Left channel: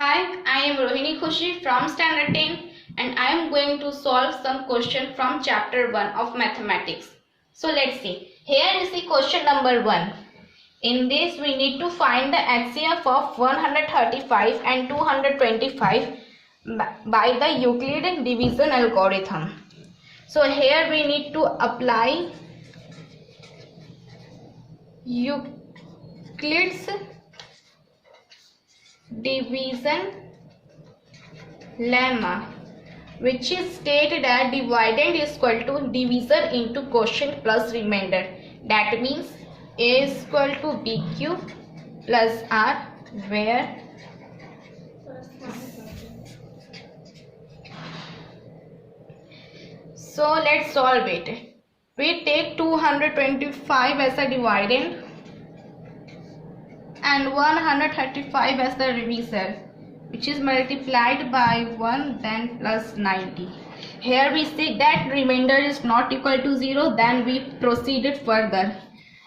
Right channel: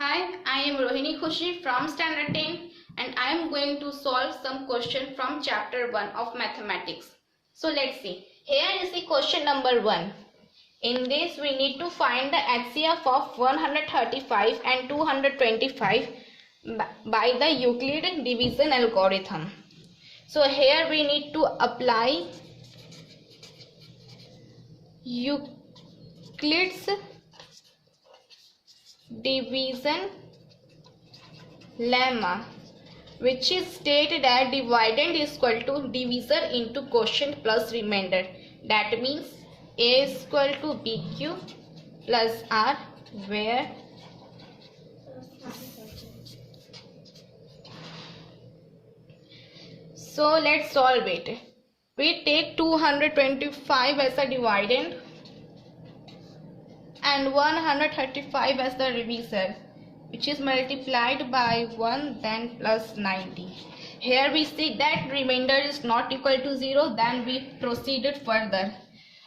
Hi, I am Rohini Khushi from Standard 10 and I am going to solve some question from chapter 1 of mathematics. So let's see. Here is the question number 1. In this we need to find the HCF of 135 and 225 by the Euclid division algorithm. So here we need to apply Euclid's division lemma, which is stated that dividend is equal to divisor into quotient plus remainder. That means A is equal to BQ plus R, where so let's solve it. We take 225 as a dividend and 135 as the divisor, which is multiplied by 1 then plus 90. Here we see that remainder is not equal to 0, then we proceeded further.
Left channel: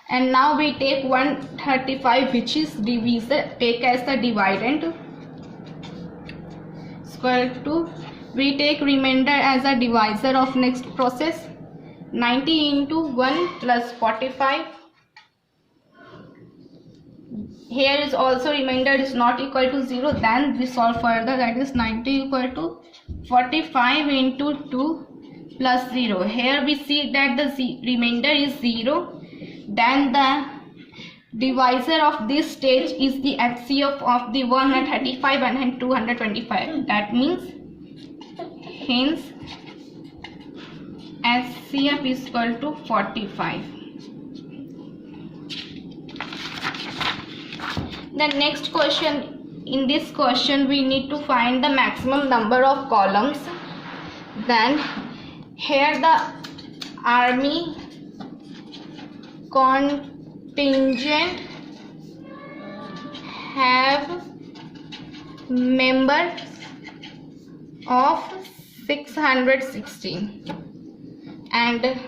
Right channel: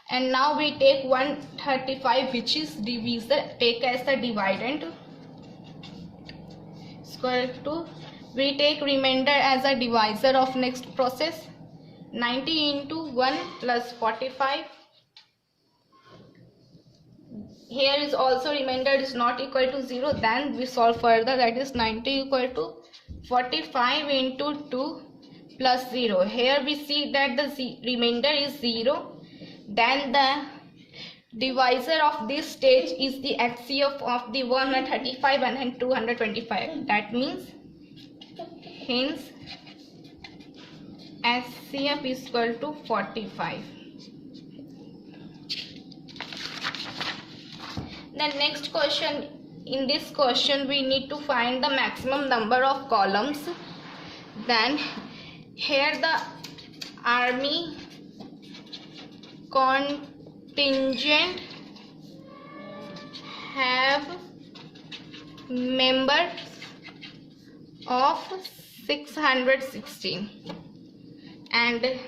And now we take 135, which is divisor, take as the dividend, equal to, we take remainder as a divisor of next process. 90 into 1 plus 45. Here is also remainder is not equal to 0, then we solve further, that is 90 equal to 45 into 2 plus 0. Here we see that the remainder is 0, then the divisor of this stage is the HCF of the 135 and 225. That means hence HCF is equal to 45. The next question, in this question we need to find the maximum number of columns. Then here the army contingent have members of 616 and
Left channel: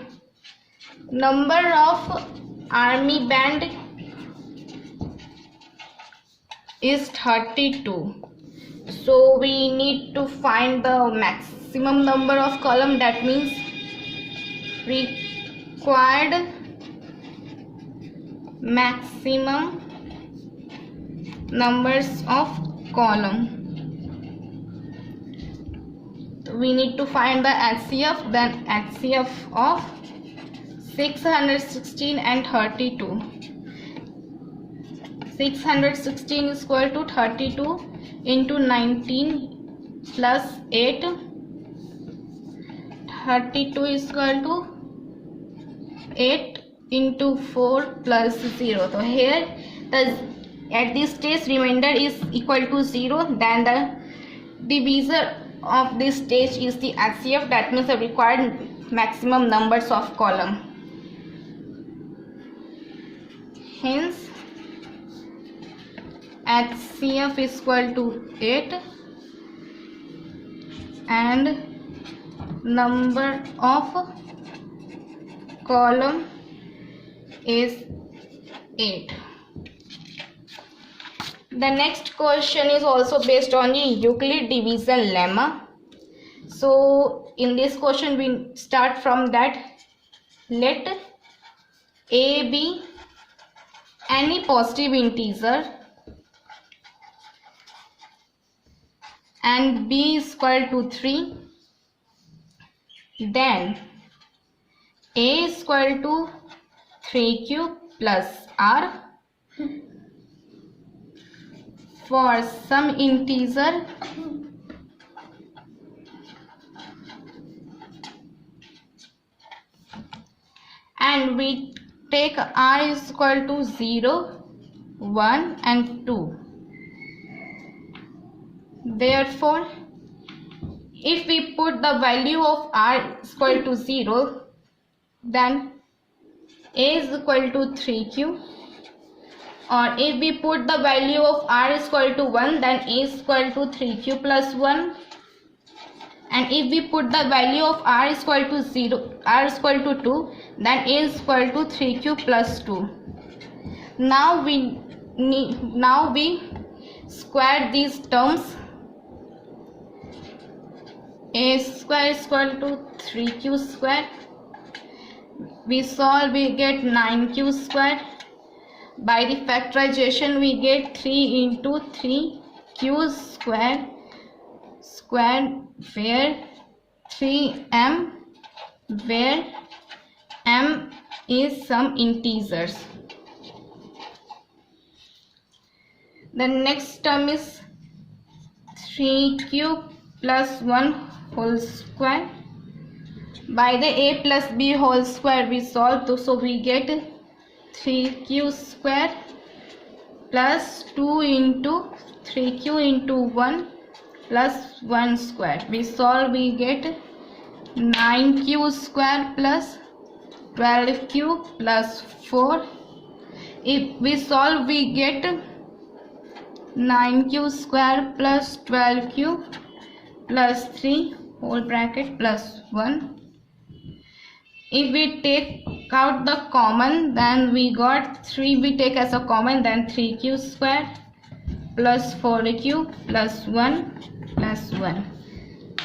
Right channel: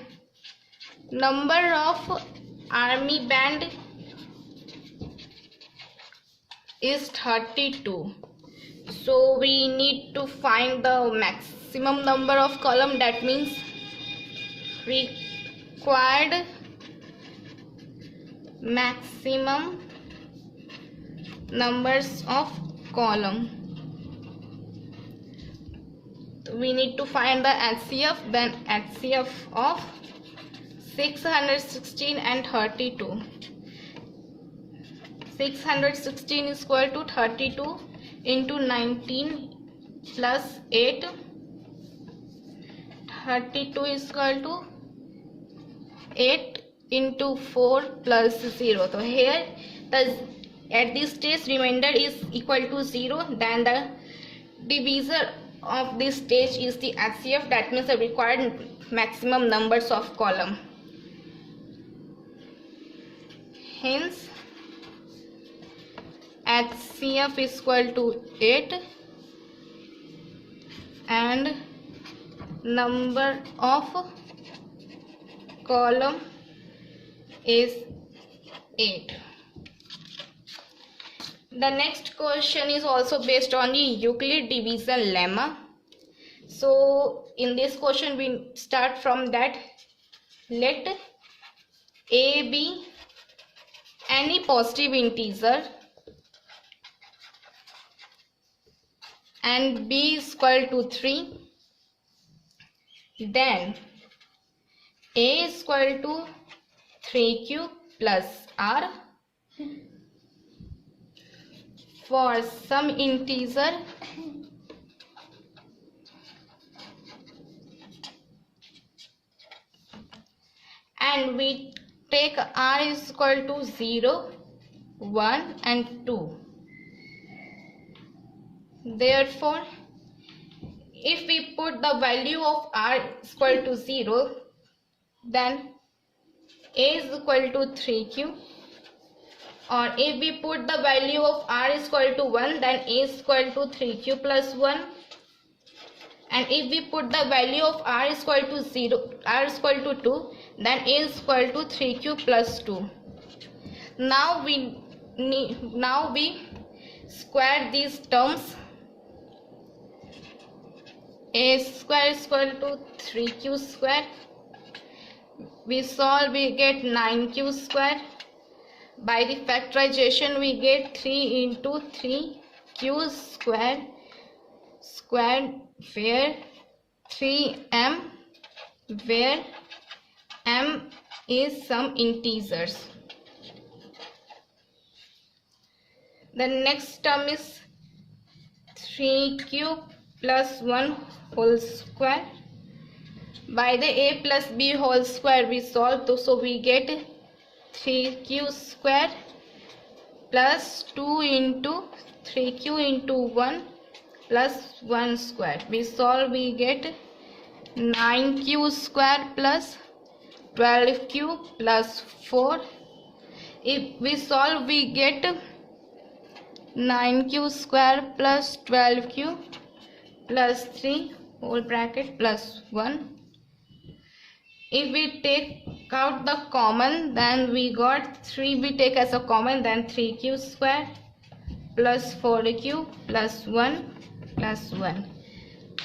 number of army band is 32. So we need to find the maximum number of column, that means required maximum numbers of column. We need to find the HCF, then HCF of 616 and 32. 616 is equal to 32 into 19 plus 8. 32 is equal to 8 into 4 plus 0. So here at this stage remainder is equal to 0, then the divisor of this stage is the HCF, that means the required maximum numbers of column. Hence HCF is equal to 8 and number of column is 8. The next question is also based on the Euclid division lemma. So in this question we start from that. Let A be any positive integer and B is equal to 3, then A is equal to 3Q plus R for some integer and we take R is equal to 0, 1 and 2. Therefore, if we put the value of R is equal to 0, then A is equal to 3Q, or if we put the value of R is equal to 1, then A is equal to 3Q plus 1, and if we put the value of R is equal to 0, R is equal to 2, then A is equal to 3Q plus 2. Now we square these terms. A square is equal to 3q square. We solve, we get 9q square. By the factorization, we get 3 into 3q square where 3m, where m is some integers. The next term is 3q plus 1 whole square. By the a plus b whole square we solve, so we get 3q square plus 2 into 3q into 1 plus 1 square. We solve, we get 9q square plus 12q plus 4. If we solve, we get 9q square plus 12q plus 3 whole bracket plus 1. If we take out the common, then we got 3, we take as a common, then 3q square plus 4q plus 1 plus 1.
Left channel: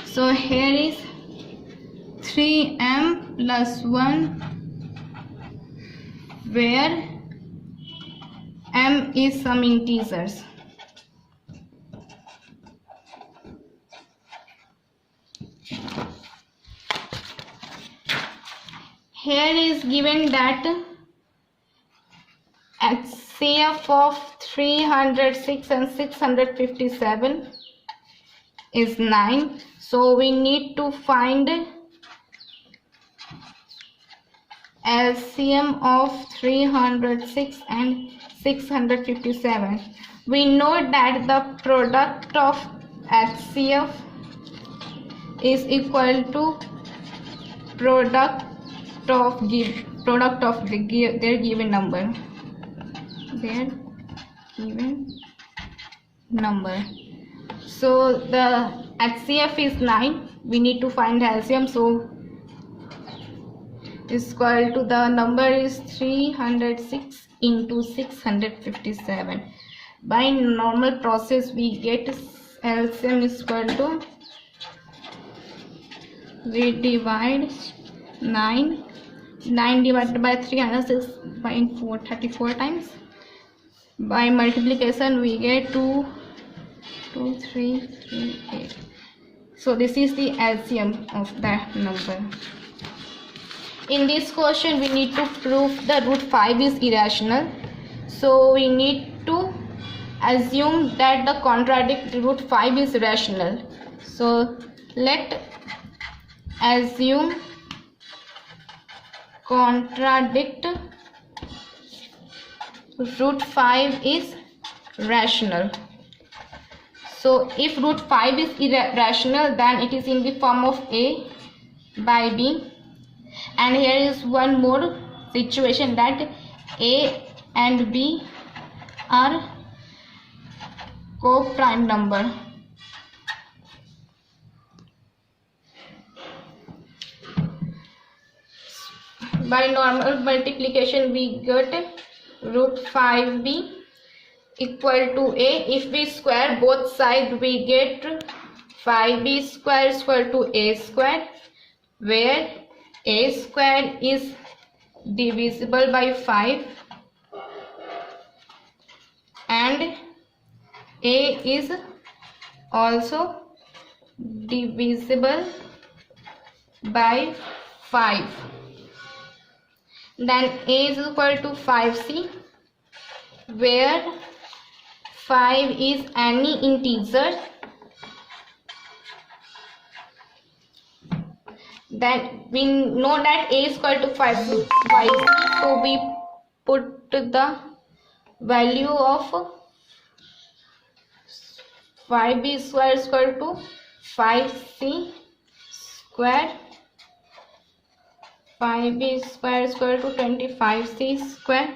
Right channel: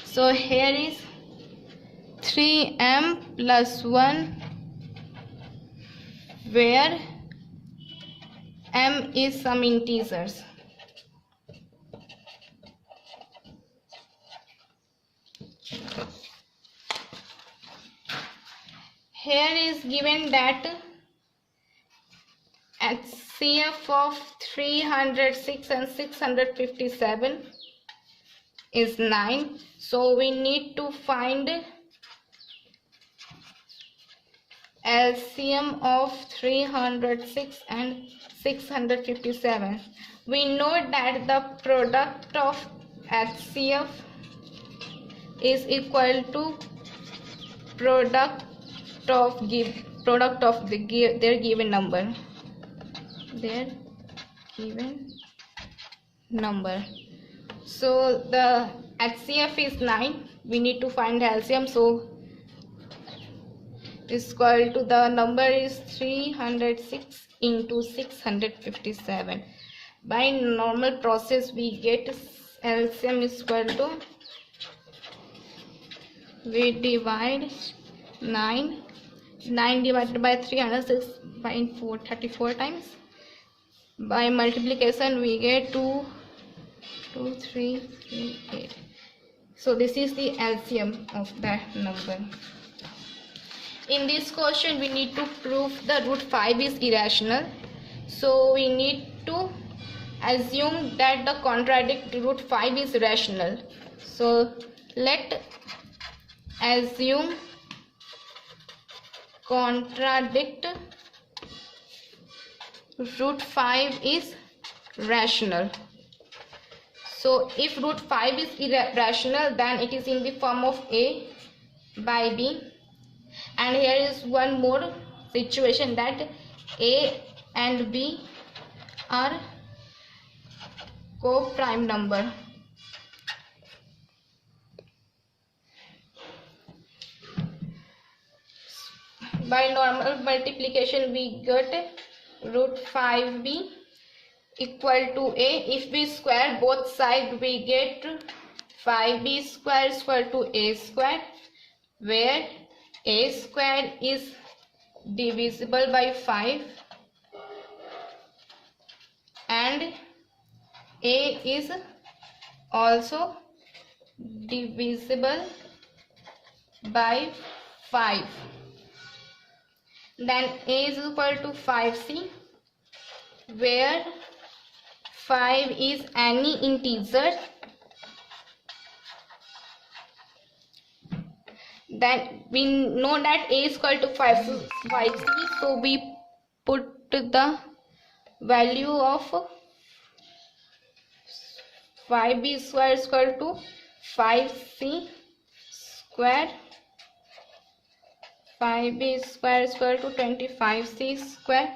So here is 3m plus 1 where m is some integers. Here is given that HCF of 306 and 657 is 9. So we need to find LCM of 306 and 657. We know that the product of HCF is equal to product of their given number. So the HCF is 9. We need to find LCM. So is equal to, the number is 306 into 657. By normal process we get LCM is equal to, we divide 9 divided by 306 by 34 times. By multiplication we get 2, 3, 8. So this is the LCM of that number. In this question we need to prove the root 5 is irrational. So we need to assume that the contradict root 5 is rational. So let assume contradict root 5 is rational. So if root 5 is irrational, then it is in the form of a by b. And here is one more situation, that a and b are co-prime number. By normal multiplication we get root 5b equal to a. If we square both sides we get 5b square is equal to a square, where a square is divisible by 5 and a is also divisible by 5. Then a is equal to 5c, where 5 is any integer. Then we know that a is equal to 5c, so we put the value of 5b square is equal to 5c square. 5b square is equal to 25c square.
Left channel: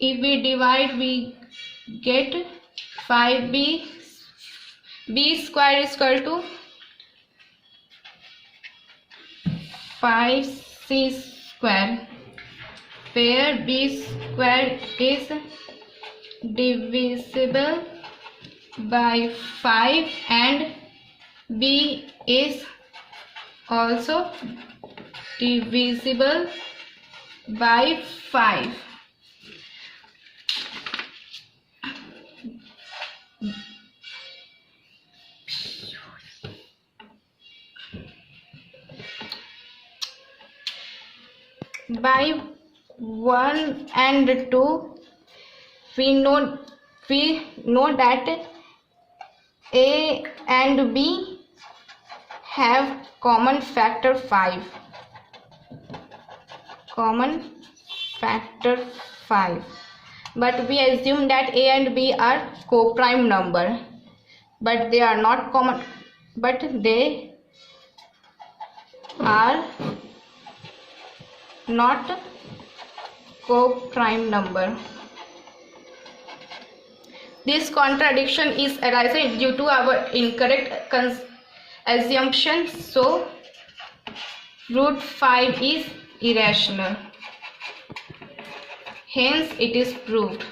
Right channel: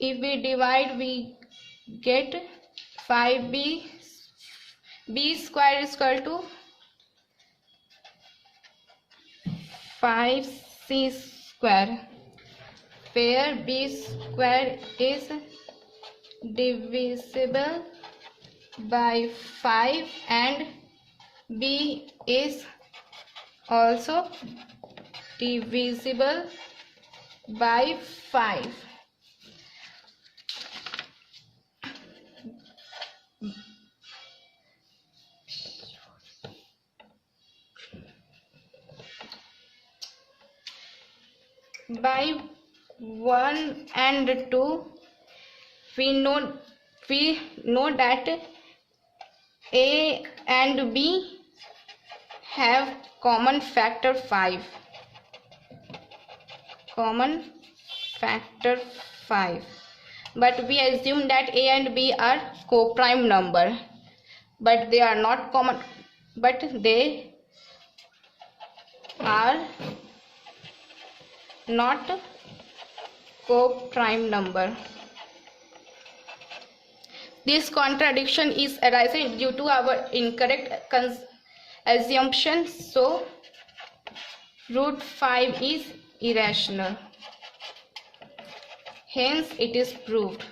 If we divide we get 5b b square is equal to 5c square, where b square is divisible by 5 and B is also divisible by 5. By 1 and 2, we know that A and B have common factor 5. But we assume that A and B are co-prime number, but they are not common, but they are not co-prime number. This contradiction is arising due to our incorrect assumption, so root 5 is irrational. Hence, it is proved.